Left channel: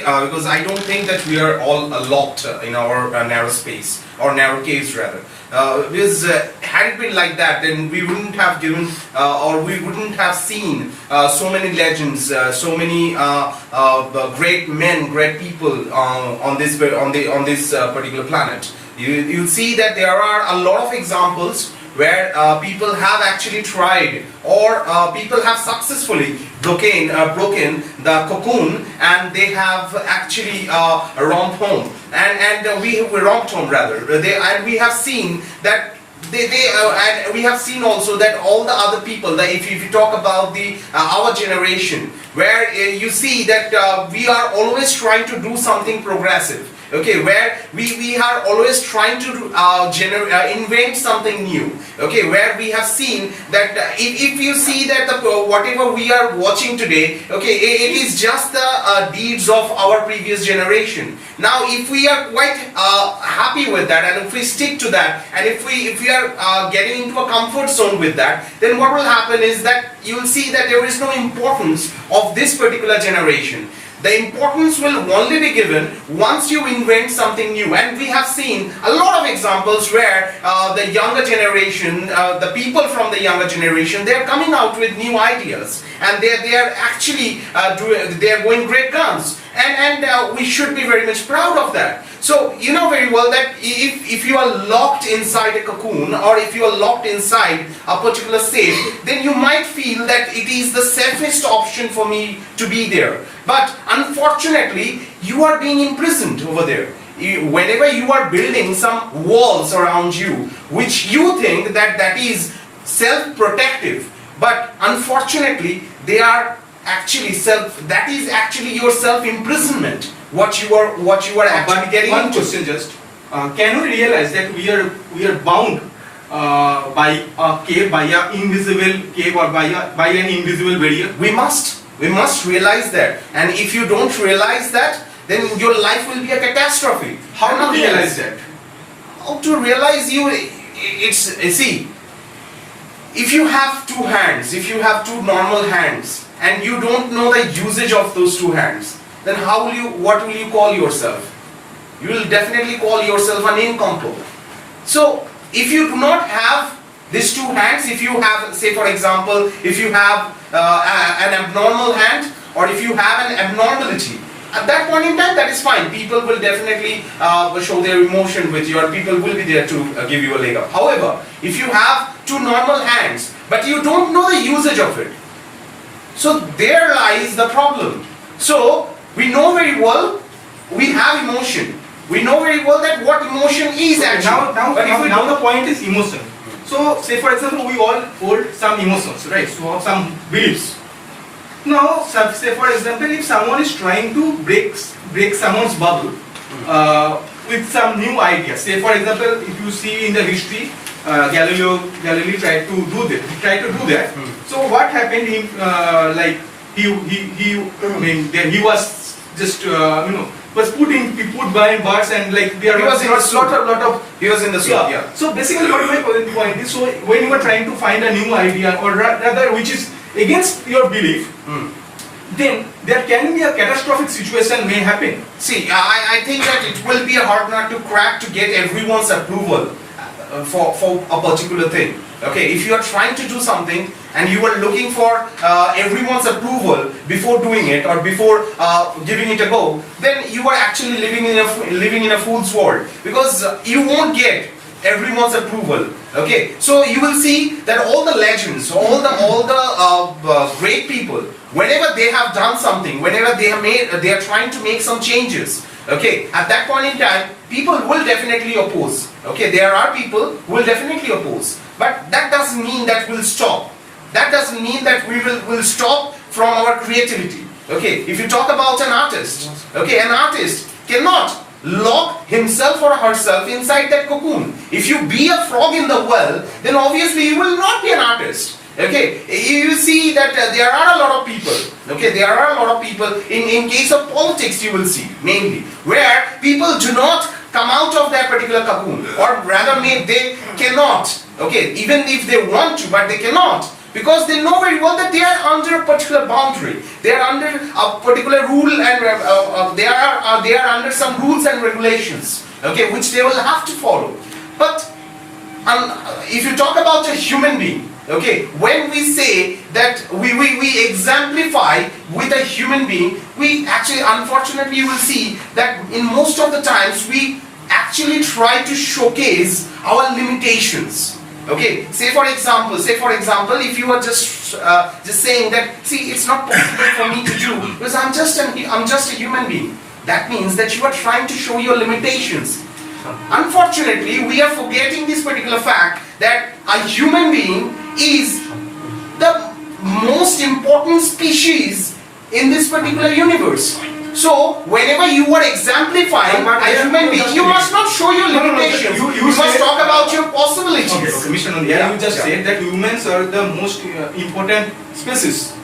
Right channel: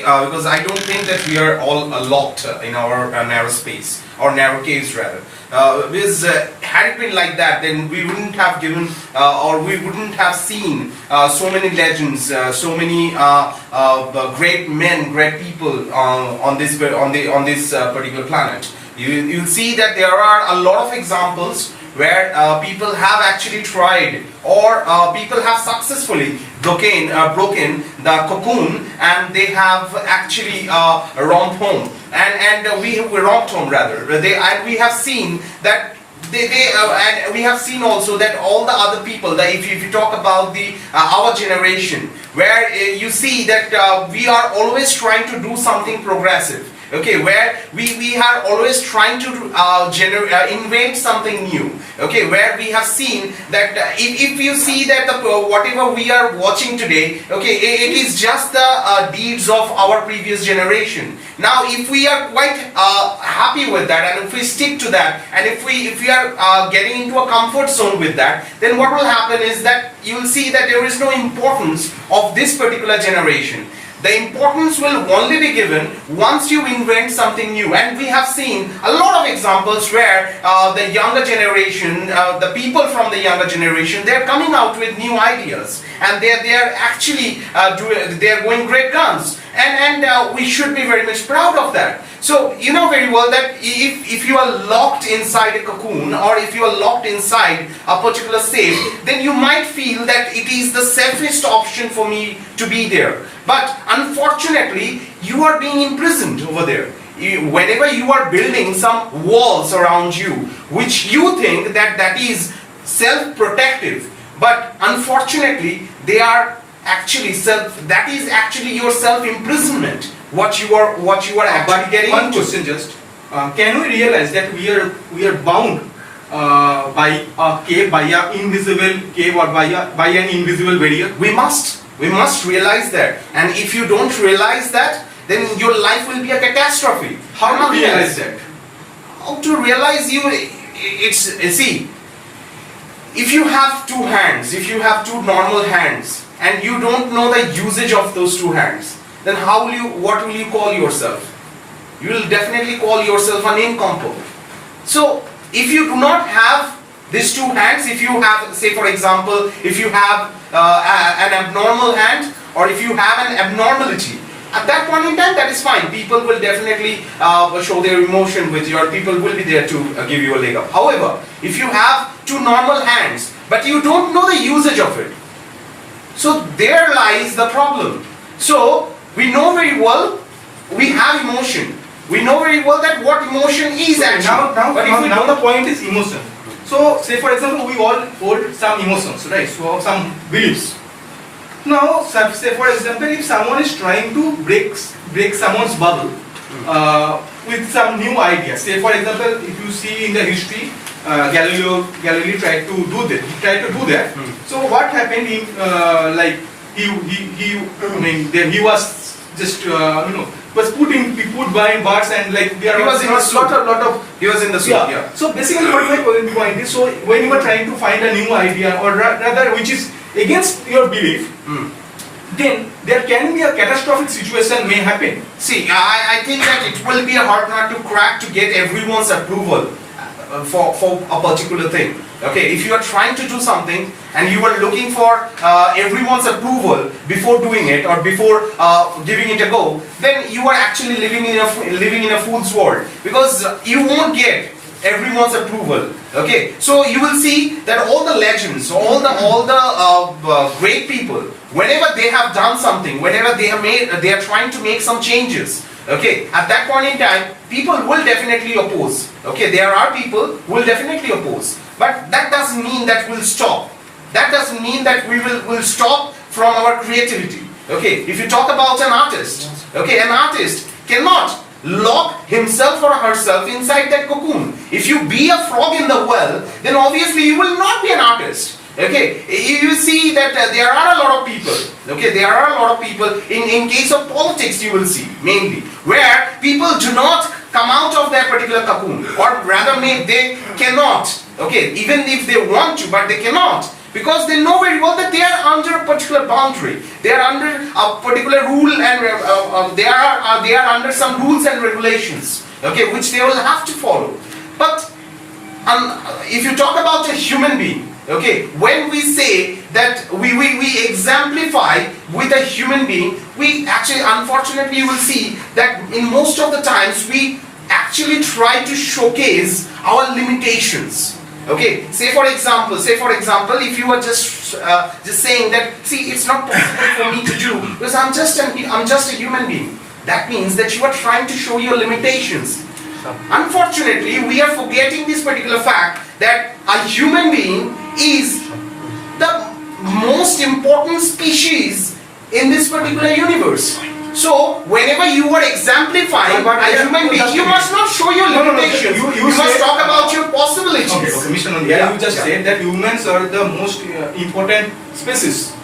Because I don't think that we are all locked in our narrow space or narrow caves rather. Because had it been like that, then we wouldn't have given or we wouldn't have seen so many legends, so many great men, great people on this particular planet. You'll see that there are a lot of examples where people have actually tried or people have successfully broken the cocoon and they have actually romped home and we romped home rather. And we have seen that and we have seen also that all the other people, that if you talk about the our generation, where you see that we are always trying to do something progressive. Okay, where we are always trying to invent something new. Okay, where we have seen that if you see that whatever we are watching today, okay, it is just the deeds of our previous generation. Now, if we are quite happy with that, and if we stick to that, and if we are getting into a comfort zone with that, then what will happen is that you will see that there is no importance of this particular generation. The importance will only be given once you invent something new. And we have seen a lot of examples where the younger generation, the people from the younger generation, they are coming out with new ideas. And they are actually they are going great guns. And we should be very much proud of that. So you know very well that if you are locked inside a cocoon or if you are locked inside a particular safe, then you might feel that it is the safest option for me to be there. But unfortunately, you are being imprisoned over there. Whenever you are building some walls around you, which you think that is self-protective, but unfortunately, they are actually that is actually your self-imprisonment. What you are actually getting into. One question just, can we realize that we are bound by a cave, by an invisible cave or by an invisible barrier? We must realize that. And if you don't realize that, then your life will be a catastrophe. How to realize that? How to realize see, if you have two hands, if you have two normal hands, and you don't know the usage of those two hands, then what will you call yourself? You will definitely call yourself an nincompoop. So, if you do not have these two hands, if you have, say for example, if you have an abnormal hand, or if you have an abnormality, at that point in time, that is fine. People will definitely show their emotion with you, or people will be there to give you a leg up. However, if you have two normal hands, but you don't know the usage of it, so there lies the problem. So, we know very well, we have emotion. We know very well that what emotion is actually. Now the point is emotion. So, say for example, we all hold some emotions, right? So, some beliefs. Now, say for example, if someone is trying to break someone's bubble with some new idea. Say for example, if you see in the history, Galileo tried to do that. So what happened? He was just was put by bars and like there was lot of he was in the soup. Yeah. So basically, what my point is, so when you are trying to find a new idea or rather which is against your belief, then there can be a catastrophic situation may happen. See, I think that it will be a hard nut to crack to get everyone's approval for a particular thing. Okay, if you are trying to do something and you are looking for everyone's approval before doing it or before giving it a go, then you are actually living in a fool's world, because you won't get everyone's approval. Okay, so you will see that all the legends, all the great people, whenever they have done something, whenever they are trying to make some changes, okay, at that point in time, people will definitely oppose. Okay, there are people who will definitely oppose, but that doesn't mean that we'll stop. That doesn't mean that we will stop from our creativity. Okay, if you talk about an artist, okay, an artist cannot lock himself or herself inside that cocoon. If you be a frog in the well, then obviously you will not be an artist. Okay, you see that there are a lot of people. Okay, there are a lot of people in case of politics, you will see mainly where people do not come out of that particular cocoon, or rather they cannot. Okay, even if they want to, but they cannot, Because they know very well that they are under a particular boundary, they are under a particular rule, and they are under some rules and regulations, okay, which they will have to follow. But if you talk about a human being, okay, when we say that we exemplify with a human being, we actually, unfortunately, you will see that in most of the times we actually try to showcase our limitations. Okay, say for example, if you are just saying that, see, it's not possible for me to do because I'm just a human being. That means that you are trying to show your limitations. Unfortunately, we are forgetting this particular fact that a human being is the most important species in this particular universe. So, whenever you are exemplifying a human being, you must not show your limitations. You must talk about your possibilities. Okay, Mr. Nandiya, you just said that humans are the most important species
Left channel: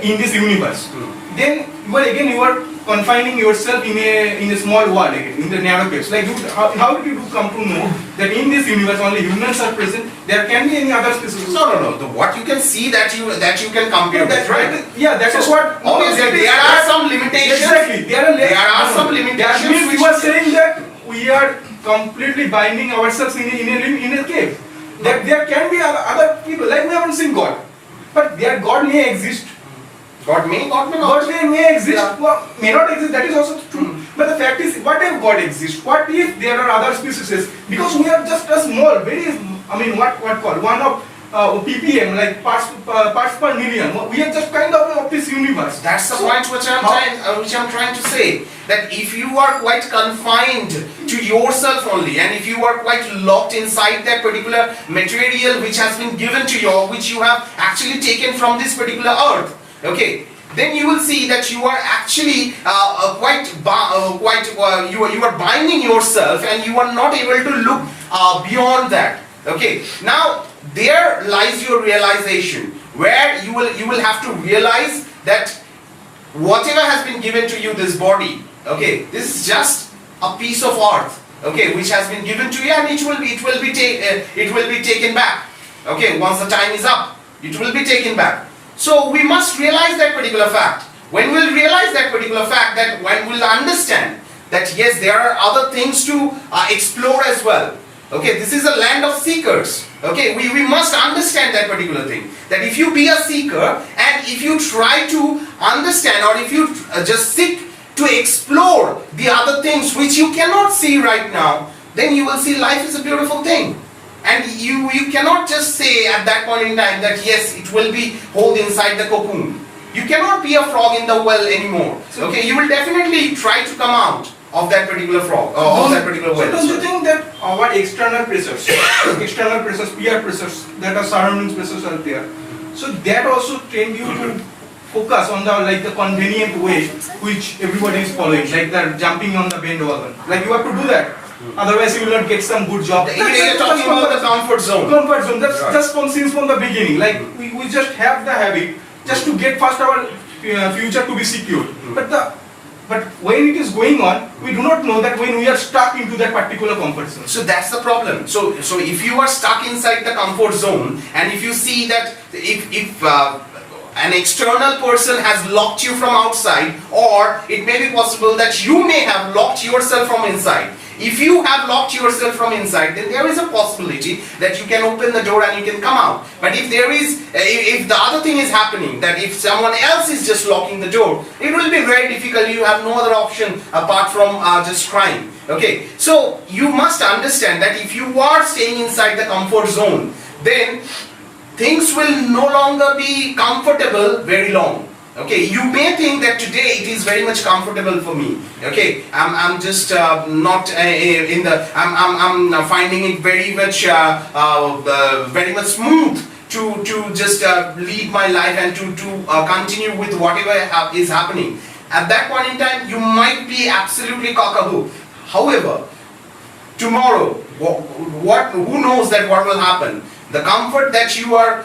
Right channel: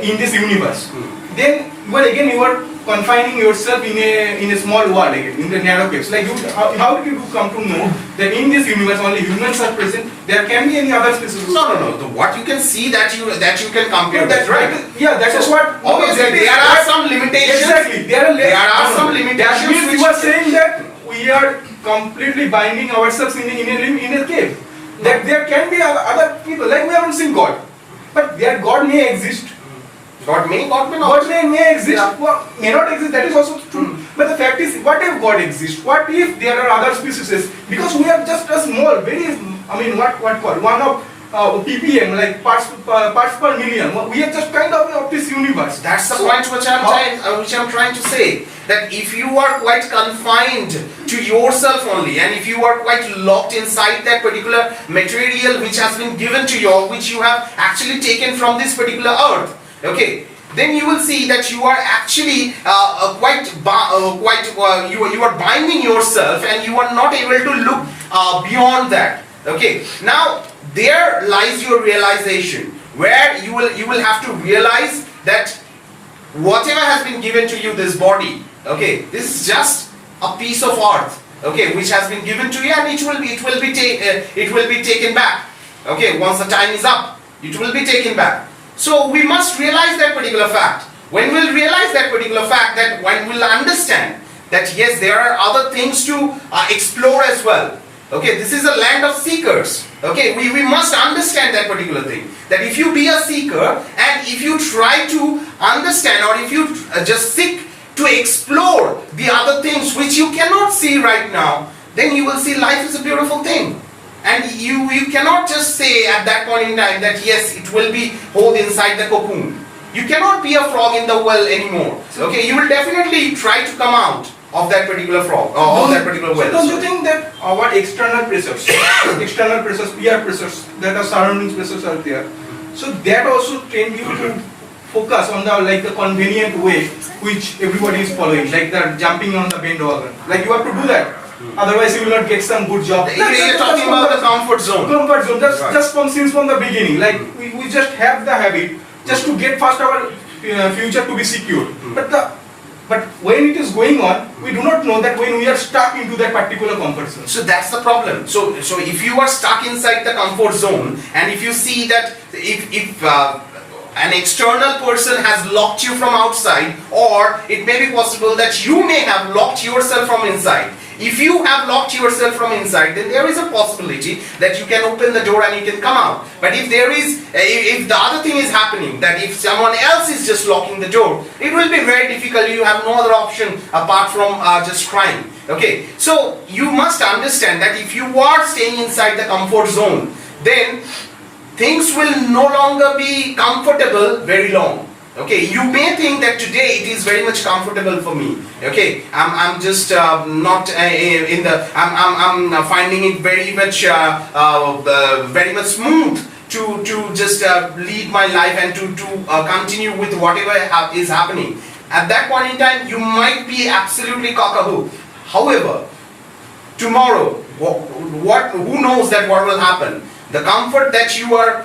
in this universe. Then you are confining yourself in a small world again, in the narrow case. Like how did you come to know that in this universe only humans are present? There can be any other species? No. What you can see that you can compare with, right? Yeah, that is what. Obviously, there are some limitations. Exactly, there are some limitations. That means you are saying that we are completely binding ourselves in a cave. That there can be other people. Like we haven't seen God, but their God may exist. God may exist, yeah. Well, may not exist, that is also true. But the fact is, what if God exists? What if there are other species? Because we are just a small, one of ppm, like parts per million. We are just kind of this universe. That's the point which I'm trying to say. That if you are quite confined to yourself only, and if you are quite locked inside that particular material which has been given to you, which you have actually taken from this particular earth, okay, then you will see that you are actually you are binding yourself, and you are not able to look beyond that. Okay, now there lies your realization, where you will have to realize that whatever has been given to you, this body, okay, this is just a piece of earth, okay, which has been given to you, and it will be taken back. Okay, once the time is up, it will be taken back. So we must realize that particular fact. When we'll realize that particular fact, that when we'll understand that yes, there are other things to explore as well. Okay, this is a land of seekers. Okay, we must understand that particular thing. That if you be a seeker, and if you try to understand, or if you just seek to explore the other things which you cannot see right now, then you will see life is a beautiful thing. And you cannot just say at that point in time that yes, it will be held inside the cocoon. You cannot be a frog in the well anymore. Okay, you will definitely try to come out of that particular frog, or of that particular well. So don't you think that our external pressures, peer pressures, that are surrounding pressures are there, so that also train you to focus on the convenient way which everybody is following, like the jumping on the bandwagon. Like you have to do that. Otherwise, you will not get some good job. You're talking about the comfort zone. Comfort zone. That's right. Just since from the beginning. Like we just have the habit just to get first our future to be secure. But when it is going on, we do not know that when we are stuck into that particular comfort zone. So that's the problem. So if you are stuck inside the comfort zone, and if you see that if an external person has locked you from outside, or it may be possible that you may have locked yourself from inside. If you have locked yourself from inside, then there is a possibility that you can open the door and you can come out. But if the other thing is happening, that if someone else is just locking the door, it will be very difficult. You have no other option apart from just crying. Okay, so you must understand that if you are staying inside the comfort zone, then things will no longer be comfortable very long. Okay, you may think that today it is very much comfortable for me. Okay, I'm just not I'm finding it very much smooth to just lead my life and to continue with whatever is happening. At that point in time, you might be absolutely cock-a-hoop. However, tomorrow, who knows that what will happen? The comfort that you are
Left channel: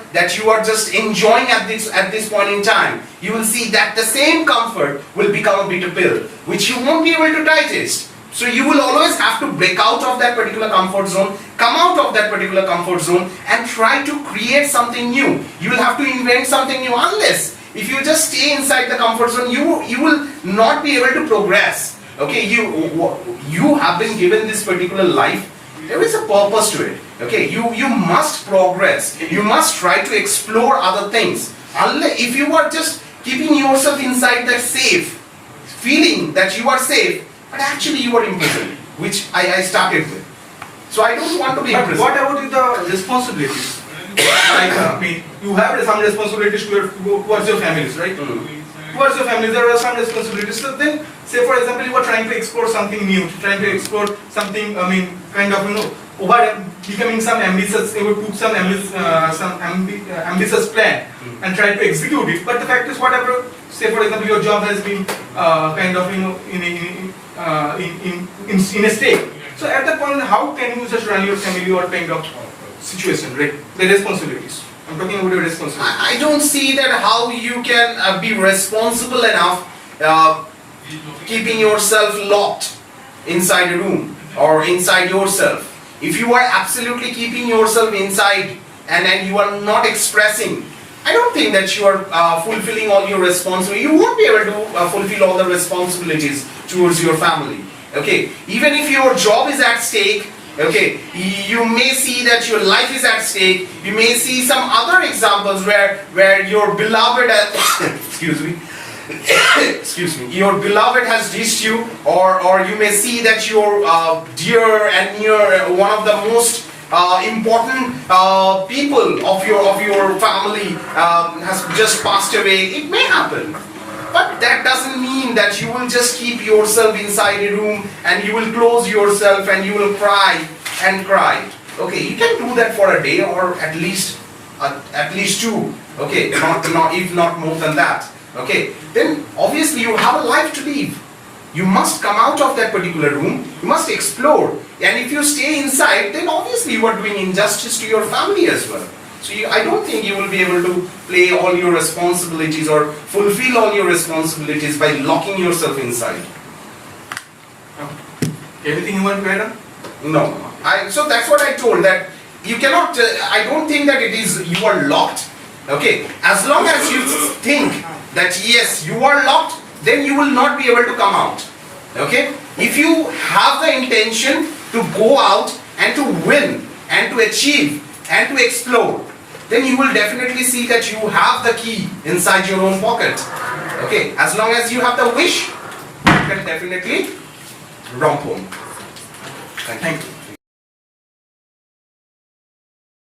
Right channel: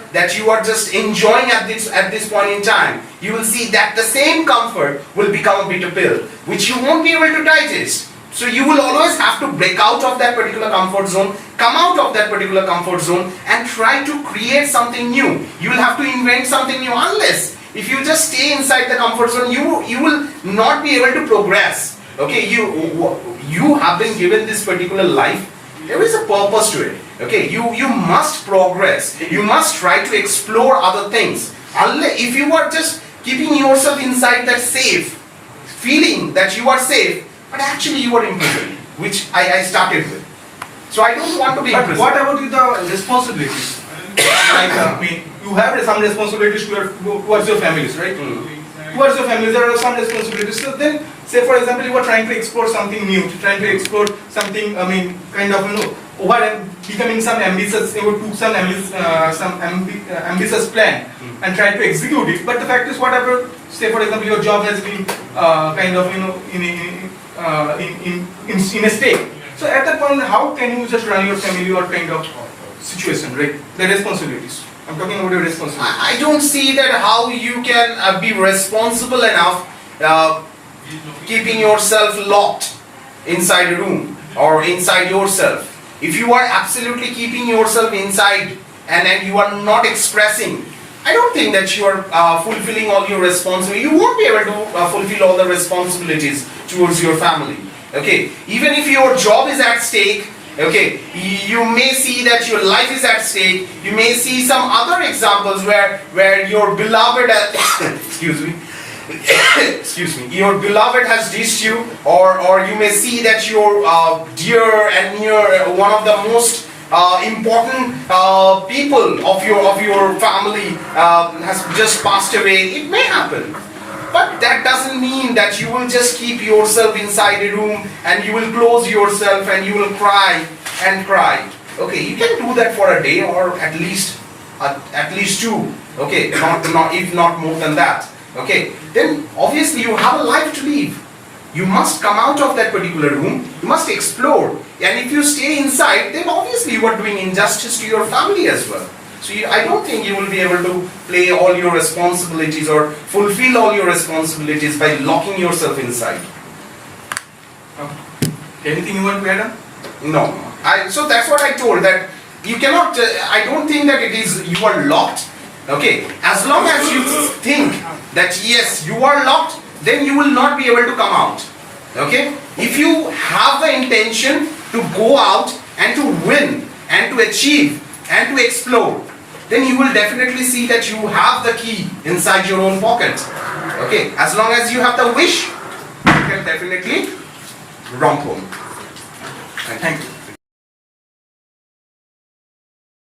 just enjoying at this point in time, you will see that the same comfort will become a bitter pill, which you won't be able to digest. So you will always have to break out of that particular comfort zone, come out of that particular comfort zone and try to create something new. You will have to invent something new. Unless if you just stay inside the comfort zone, you will not be able to progress. Okay, you have been given this particular life. There is a purpose to it. Okay, you must progress. You must try to explore other things. Unless if you are just keeping yourself inside that safe, feeling that you are safe, but actually you are imprisoned, which I started with. So I don't want to be But imprisoned. what about with the responsibilities? Like, I mean, you have some responsibilities towards your families, right? Towards your family, there are some responsibilities. So then, say for example, you are trying to explore something new, trying to explore something, I mean, kind of, over becoming some ambitious, you took some ambitious plan and tried to execute it. But the fact is, whatever, say for example, your job has been kind of, in a state. So at that point, how can you just run your family or kind of situation, right? The responsibilities. I'm talking about your responsibilities. I don't see that how you can be responsible enough keeping yourself locked inside a room or inside yourself. If you are absolutely keeping yourself inside and you are not expressing, I don't think that you are fulfilling all your responsibilities. You won't be able to fulfill all the responsibilities towards your family. Okay, even if your job is at stake, okay, you may see that your life is at stake. You may see some other examples where your beloved excuse me, your beloved has ditched you, or you may see that your dear and near one of the most important people of your family has just passed away. It may happen. But that doesn't mean that you will just keep yourself inside a room and you will close yourself and you will cry and cry. Okay, you can do that for a day or at least two. Okay, not if not more than that. Okay, then obviously you have a life to live. You must come out of that particular room. You must explore. And if you stay inside, then obviously you are doing injustice to your family as well. So I don't think you will be able to play all your responsibilities or fulfill all your responsibilities by locking yourself inside. Anything you want to add on? No. So that's what I told, that you cannot, I don't think that it is you are locked. Okay. As long as you think that yes, you are locked, then you will not be able to come out. Okay. If you have the intention to go out and to win and to achieve and to explore, then you will definitely see that you have the key inside your own pocket. Okay, as long as you have the wish, you can definitely romp home. Thank you.